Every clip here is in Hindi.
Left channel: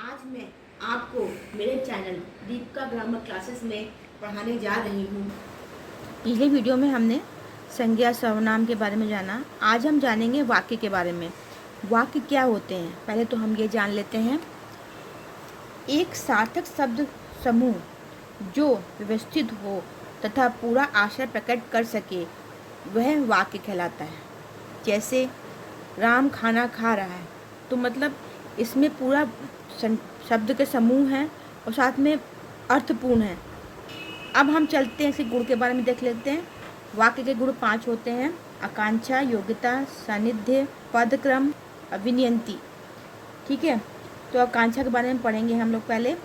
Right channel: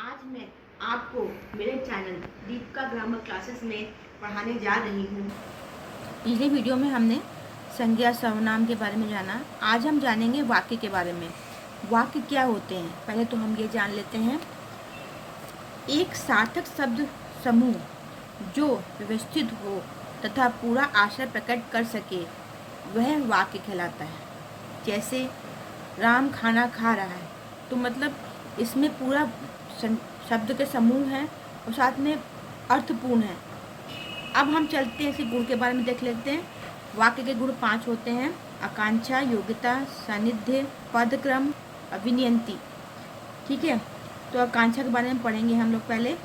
आज मैं आपको मेरे चैनल दीपिका ग्रामर क्लासेस में पढ़ाने जा रही हूँ। पिछले वीडियो में हमने संज्ञा सर्वनाम के बारे में जाना। आज हम जानेंगे वाक्य के बारे में। वाक्य क्या होते हैं पहले तो हम ये जान लेते हैं। एक सार्थक शब्द समूह जो व्यवस्थित हो तथा पूरा आशय प्रकट कर सके वह वाक्य कहलाता है। जैसे राम खाना खा रहा है, तो मतलब इसमें पूरा शब्द के समूह हैं और साथ में अर्थपूर्ण है। अब हम चलते हैं इसी गुण के बारे में देख लेते हैं। वाक्य के गुण 5 होते हैं: आकांक्षा, योग्यता, सानिध्य, पदक्रम, अभिनयंती। ठीक है, तो आकांक्षा के बारे में पढ़ेंगे हम लोग पहले।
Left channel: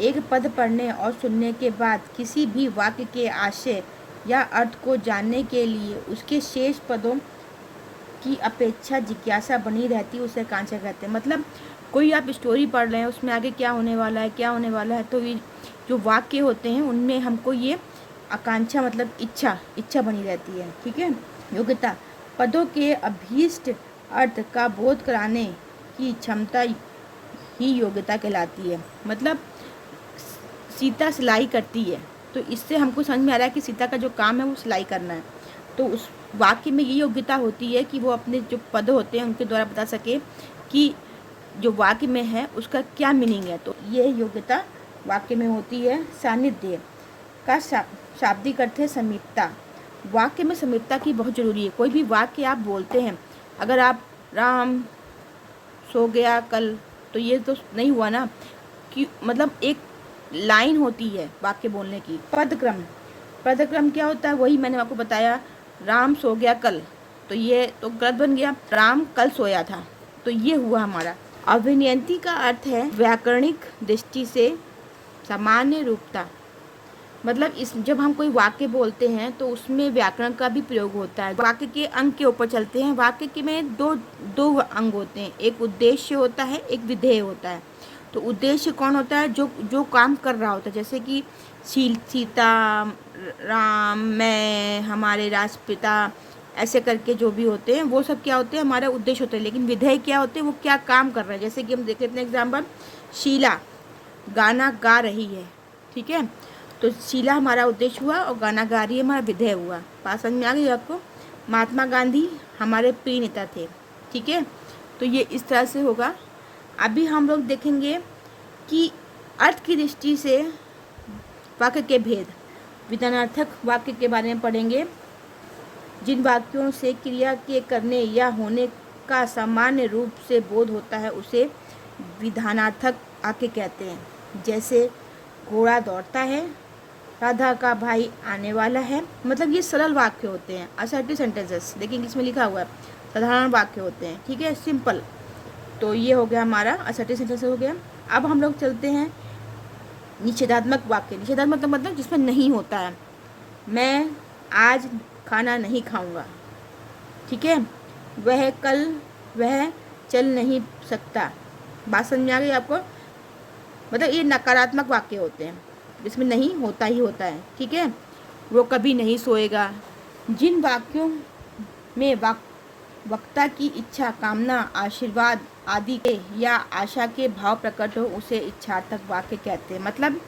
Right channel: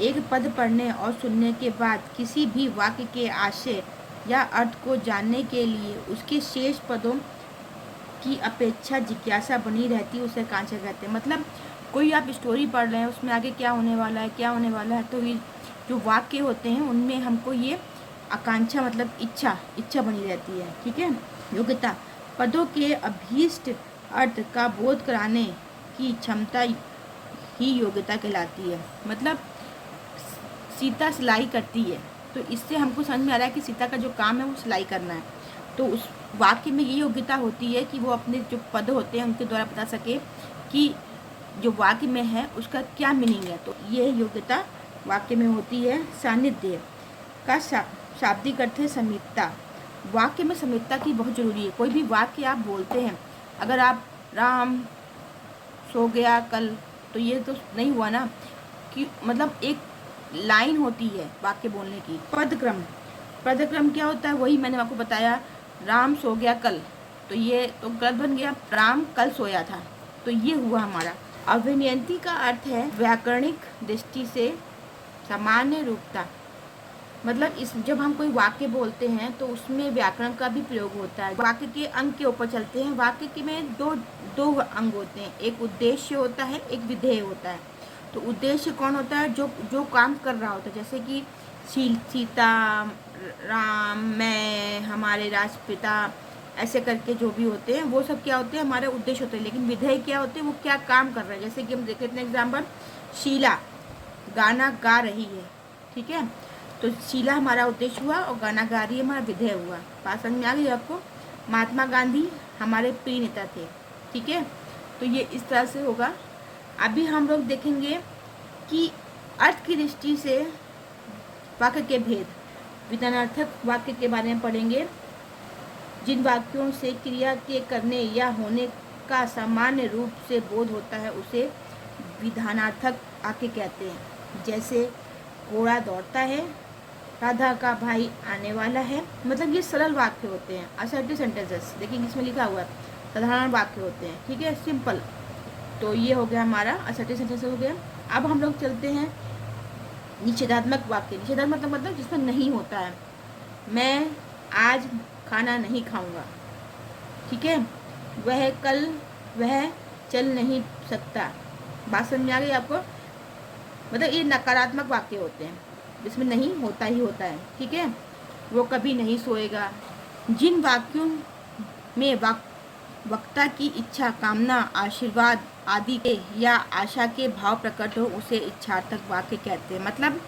एक पद पढ़ने और सुनने के बाद किसी भी वाक्य के आशय या अर्थ को जानने के लिए उसके शेष पदों की अपेक्षा जिज्ञासा बनी रहती है, उसे आकांक्षा कहते हैं। मतलब कोई आप स्टोरी पढ़ रहे हैं, उसमें आगे क्या होने वाला है, तो ये जो वाक्य होते हैं उनमें हमको ये आकांक्षा मतलब इच्छा बनी रहती है। ठीक है। योग्यता, पदों के अभीष्ट अर्थ का बोध कराने की क्षमता ही योग्यता कहलाती है। मतलब सीता सिलाई करती है, तो इससे हमको समझ में आ रहा है कि सीता का जो काम है वो सिलाई करना है। तो उस वाक्य में ये योग्यता होती है कि वो अपने जो पद होते हैं उनके द्वारा बता सके कि जो वाक्य में है उसका क्या मीनिंग है। तो ये योग्यता वाक्य में होती है। सानिध्य का शाब्दिक अर्थ है समीपता। वाक्य में समीपता की बहुत ज़रूरी है। कोई भी वाक्य आप बोलते हैं, अगर आप राम सो गया कल, तो ये तो नहीं हुआ ना कि मतलब एक लाइन होती है वाक्य बोलने की। पदक्रम क्या होता है, वही मैंने आपको बताया। राम सो गया कल, तो ये तो गलत बन गया। राम कल सोया था, तो ये हुआ हमारा। अभिनयंती का अर्थ है व्याकरणिक दृष्टि से सामान्य रूपता। मतलब इस जब हम कोई वाक्य बोलते हैं तो उसमें व्याकरण का भी प्रयोग होता है। वाक्य के अंग के ऊपर चलते हैं। वाक्य के में दो अंग होते हैं, एक उद्देश्य होता है, एक विधेय होता है। तो उद्देश्य कौन होता है, जो काम कर रहा होता है, जैसे कि सीता, राम, मैं, हमारे राष्ट्रपिता, ऐसे करके जो भी होते हैं वो सब क्या होते हैं, हमारा उद्देश्य होता है। लेकिन विधेय क्या होते हैं, वो क्या काम कर रहे हैं। जैसे कि हम देख लेते हैं एग्जाम्पल, शीला गाना गा रही है। ठीक है, तो शीला हमारा उद्देश्य हुआ और गाना गा रही है हमारा विधेय हुआ। बात समझ में आ गई आपको। महात्मा गांधी हमारे प्रिय नेता थे। ठीक है, तो ये इस तरह से होगा। अभी हम लोग देखेंगे कि अर्थ की दृष्टि से वाक्य के भेद। विधानार्थक वाक्य के बारे में पढ़ेंगे। जिन वाक्यों से क्रिया के करने या होने का सामान्य रूप से बोध होता है उसे विधानार्थक वाक्य कहते हैं। जैसे घोड़ा दौड़ता है, राधा का भाई आने वाला है। मतलब ये सरल वाक्य होते हैं, असर्टिव सेंटेंसेस। देखिए इसमें लिखा हुआ है साधारण वाक्य होते हैं। ठीक है, सिंपल। तो ये हो गया हमारा असर्टिव सेंटेंस हो गया। अब हम लोग चलते हैं निषेधात्मक वाक्य। निषेधात्मक मतलब जिसमें नहीं होता है। मैं आज खाना नहीं खाऊंगा। ठीक है, वह चल नहीं सकता। बात समझ में आ गई आपको। मतलब ये नकारात्मक वाक्य होते हैं जिसमें नहीं होता ही होता है। ठीक है, वो कभी नहीं सोएगा। जिन वाक्यों में वक्ता की इच्छा, कामना, आशीर्वाद आदि के या आशा के भाव प्रकट हो उसे इच्छार्थक वाक्य कहते हैं। मतलब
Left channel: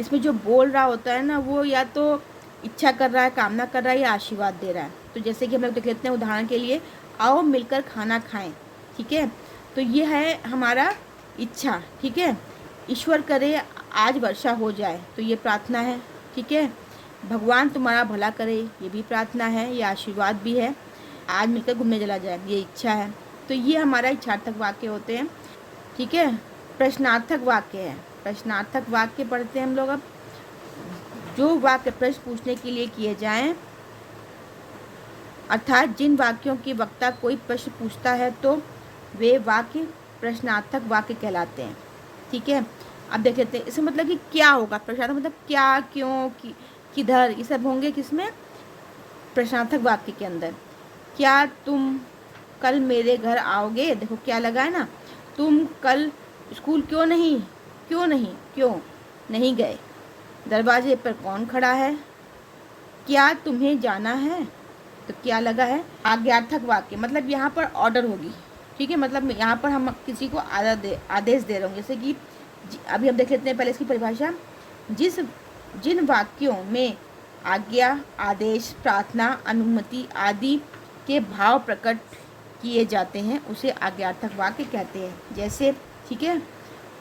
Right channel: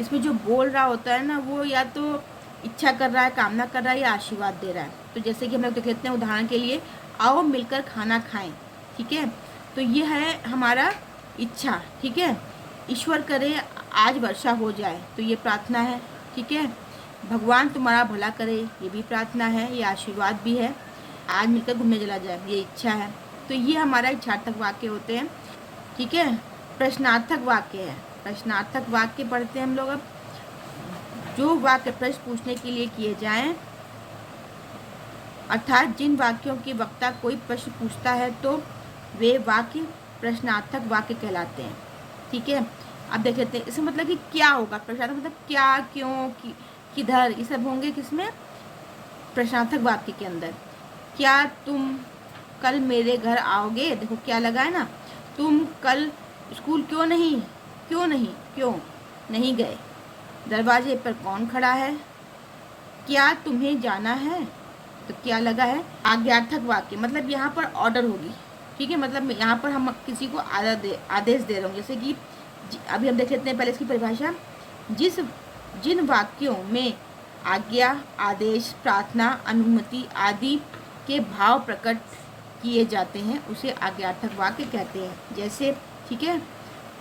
इसमें जो बोल रहा होता है ना, वो या तो इच्छा कर रहा है, कामना कर रहा है, या आशीर्वाद दे रहा है। तो जैसे कि हम लोग देख लेते हैं उदाहरण के लिए, आओ मिलकर खाना खाएं। ठीक है, तो ये है हमारा इच्छा। ठीक है, ईश्वर करे आज वर्षा हो जाए, तो ये प्रार्थना है। ठीक है, भगवान तुम्हारा भला करे, ये भी प्रार्थना है, ये आशीर्वाद भी है। आज मिलकर घूमने चला जाए, ये इच्छा है। तो ये हमारा इच्छार्थक वाक्य होते हैं। ठीक है, प्रश्नार्थक वाक्य है। प्रश्नार्थक वाक्य पढ़ते हैं हम लोग। अब जो वाक्य प्रश्न पूछने के लिए किए जाएं, अर्थात जिन वाक्यों की वक्ता कोई प्रश्न पूछता है तो वे वाक्य प्रश्नार्थक वाक्य कहलाते हैं। ठीक है, अब देख लेते हैं इसमें मतलब कि क्या होगा। प्रश्नार्थक मतलब क्या, क्यों, किधर, ये सब होंगे किसमें, प्रश्नार्थक वाक्य के अंदर। क्या तुम कल मेरे घर आओगे। देखो क्या लगा है ना, तुम कल स्कूल क्यों नहीं गए। दरवाजे पर कौन खड़ा है। क्या तुम्हें जाना है, तो क्या लगा है आज्ञार्थक वाक्य। मतलब यहाँ पर ऑर्डर होगी, ठीक है, मतलब यहाँ पर हम किसी को आदेश दे रहे हूँ। जैसे कि अभी हम देख लेते हैं पहले इसकी परिभाषा। जिन वाक्यों में आज्ञा, आदेश, प्रार्थना, अनुमति आदि के भाव प्रकट किए जाते हैं उसे आज्ञार्थक वाक्य कहते हैं। जैसे, ठीक है,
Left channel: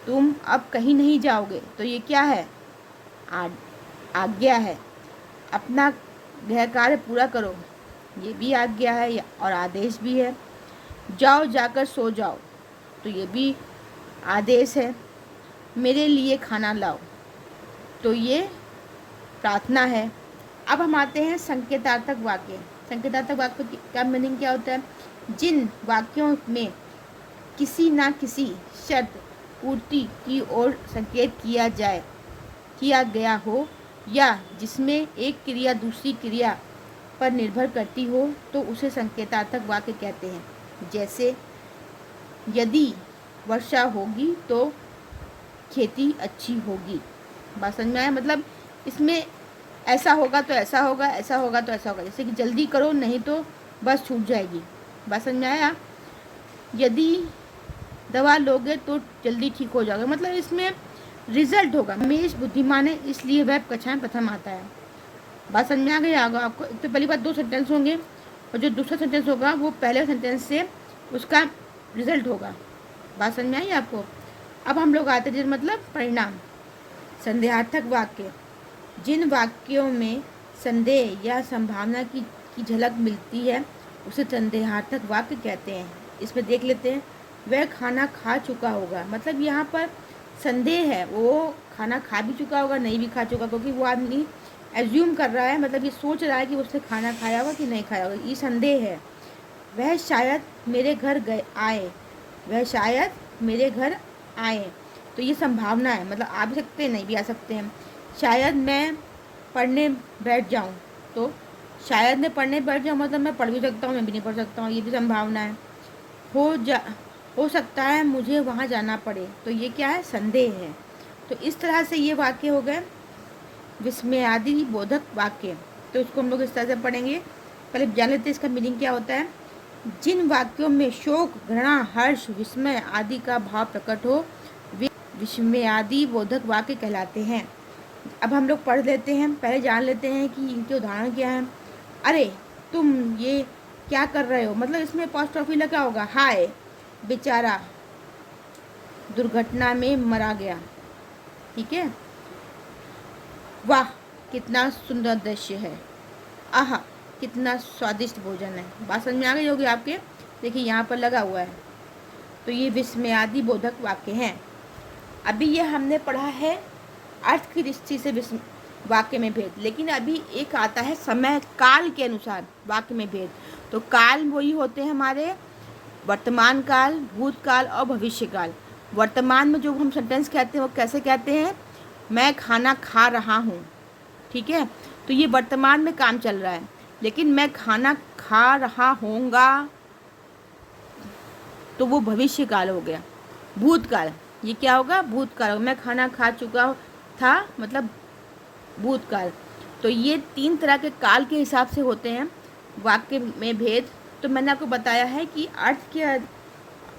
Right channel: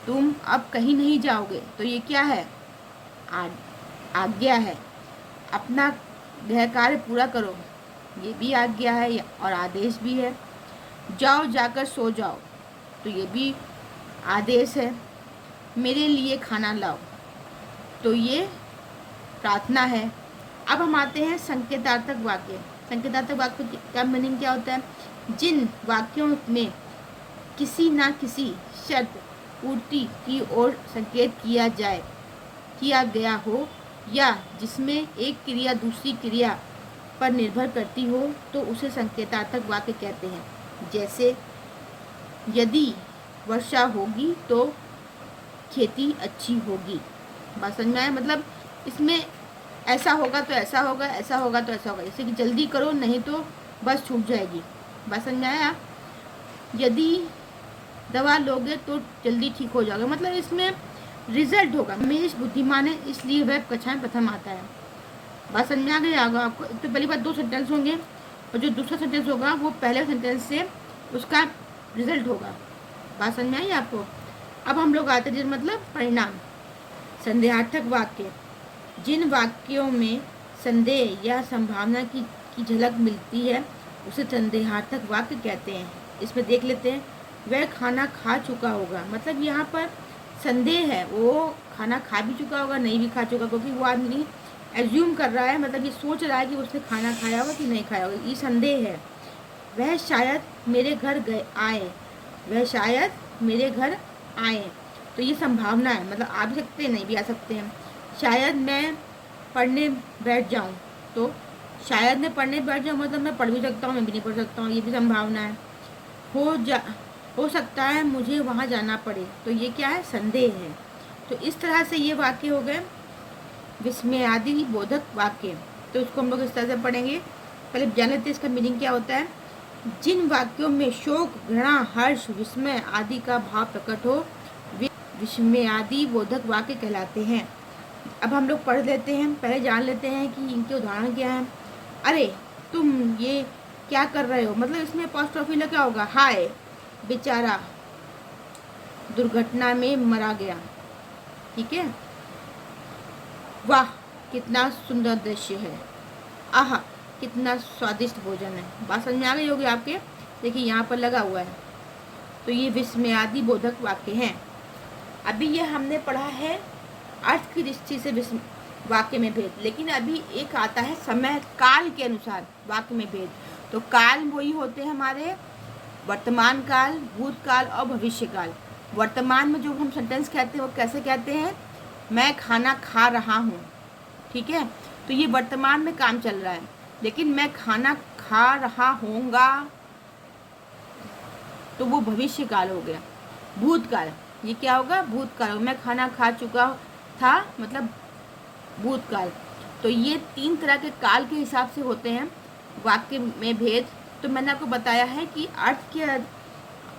तुम अब कहीं नहीं जाओगे, तो ये क्या है? आज्ञा है। अपना गृह कार्य पूरा करो, ये भी आज्ञा है और आदेश भी है। जाओ, जाकर सो जाओ, तो ये भी आदेश है। मेरे लिए खाना लाओ, तो ये प्रार्थना है। अब हम आते हैं संकेतार्थक वाक्य। संकेतार्थक वाक्य का मीनिंग क्या होता है? जिन वाक्यों में किसी न किसी शर्त पूर्ति की ओर संकेत किया गया हो या जिसमें एक क्रिया दूसरी क्रिया पर निर्भर करती हो, तो उसे संकेतार्थक वाक्य कहते हैं। जैसे, यदि वर्षा होगी तो खेती अच्छी होगी। बात समझ में आया? मतलब इसमें ऐसा होगा तो ऐसा होगा, ऐसा होगा तो ऐसा होगा। जैसे कि जल्दी करो नहीं तो बस छूट जाएगी। बात समझ में आया? यदि दवा लोगे तो जल्दी ठीक हो जाओगे, मतलब इसमें रिजल्ट होगा। रमेश बुद्धिमान है इसलिए वह कक्षाएं प्रथम आता है। बात समझ में आ गई आपको? तो पहली बात 2 सेंटेंस होंगे और जो दूसरा सेंटेंस होगा वो पहले सेंटेंस से उसका रिजल्ट होगा। बात समझ में आई आपको? अब हम लोग आते हैं मतलब परिणाम। संदेहार्थक वाक्य, जिन वाक्यों में संदेह या संभावना की झलक मिलती है उसे संदेहार्थक वाक्य कहते हैं। इसमें देख लेते हैं, वह खाना खा चुका होगा, मतलब यहाँ पर संदेह है, वो खाना खा भी चुका होगा, नहीं भी खा चुका, क्योंकि वो आदमी एज्यूम कर रहा है, मतलब ये सोच रहा है कि उसने खाना खाया होगा कि नहीं खाया होगा, ये संदेह है। वह शायद मेरे घर आए, वह शायद मेरे घर आए, तो ये संभावना है, मतलब आ भी सकते हैं नहीं भी आ सकते हैं। शायद मैं पढ़ने बैठ जाऊं, तो शायद मैं पढ़ने बैठ जाऊं मतलब मैं पढ़ भी सकता हूँ, मैं भी नहीं पढ़ सकता हूँ, ये भी संभावना है। हो सकता है मुझे वहाँ जाना पड़े, तो ये क्या है? संदेह है। तो इस तरह से ये वाक्य हो गए विस्मयादि बोधक वाक्य। तो इसको हम लोग इस तरह से पढ़ेंगे। पहले जान लेते हैं इसका मीनिंग क्या होता है। जिन वाक्यों में शोक, घृणा, हर्ष, विस्मय आदि का भाव प्रकट हो वे विस्मयादि बोधक वाक्य कहलाते हैं। अब हम लोग पढ़ लेते हैं, पहले जान लेते हैं कि इनके उदाहरण क्या हैं। अरे तुम ये क्या कर रहे हो, मतलब इसमें अपोस्ट्रोफी लगा होगा। हाय बेचारा दुर्घटना में मारा गया, ठीक है। वाह कितना सुंदर दृश्य है, आह कितना स्वादिष्ट भोजन है। बात समझ में आ गई होगी आपके? देखिए यहाँ पर लगा हुआ है। तो ये विस्मयादि बोधक वाक्य हैं। अभी ये हमने पढ़ा है अर्थ की दृष्टि से वाक्य में भेद, लेकिन अभी एक आता है समय काल के अनुसार वाक्य में भेद। तो काल वही होते हैं हमारे वर्तमान काल, भूतकाल और भविष्य काल। वर्तमान में जो हम सेंटेंस कहते हैं वो कैसे कहते हैं? मैं खाना खा रहा हूँ, ठीक है, तो ये वर्तमान में काम चल रहा है। लेकिन मैं खाना खा रहा होऊंगा तो वो भविष्य काल हो गया। भूतकाल, ये क्या होगा? भूतकाल होगा। मैं खाना खा चुका था मतलब भूतकाल। तो ये 3 तरह के काल के हिसाब से होते हैं वाक्य में भेद। तो मैंने आपको बताया है कि अर्थ के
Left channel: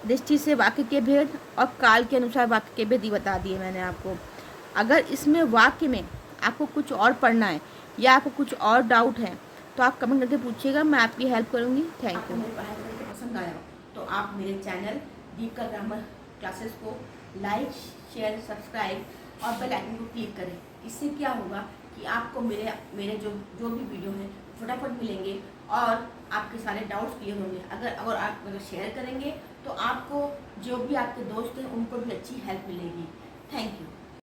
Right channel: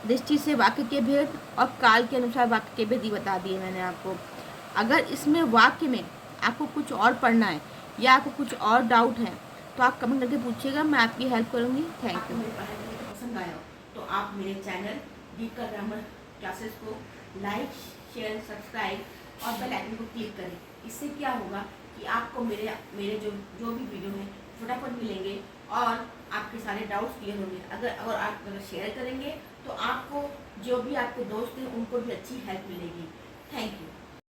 दृष्टि से वाक्य के भेद और काल के अनुसार वाक्य के भेद ही बता दिए मैंने आपको। अगर इसमें वाक्य में आपको कुछ और पढ़ना है या आपको कुछ और डाउट है तो आप कमेंट करके पूछिएगा, मैं आपकी हेल्प करूँगी। Thank you. मेरे पढ़ाई पसंद आया तो आप मेरे चैनल दीपिका ग्रामर क्लासेस को लाइक, शेयर, सब्सक्राइब और बेल आइकन को क्लिक करें। इससे क्या होगा कि आपको मेरे जो भी वीडियो हैं फटाफट मिलेंगे और आपके सारे डाउट्स क्लियर होंगे। अगर आप शेयर करेंगे तो आपको जो भी आपके दोस्त हैं उनको भी अच्छी हेल्प मिलेगी। Thank you.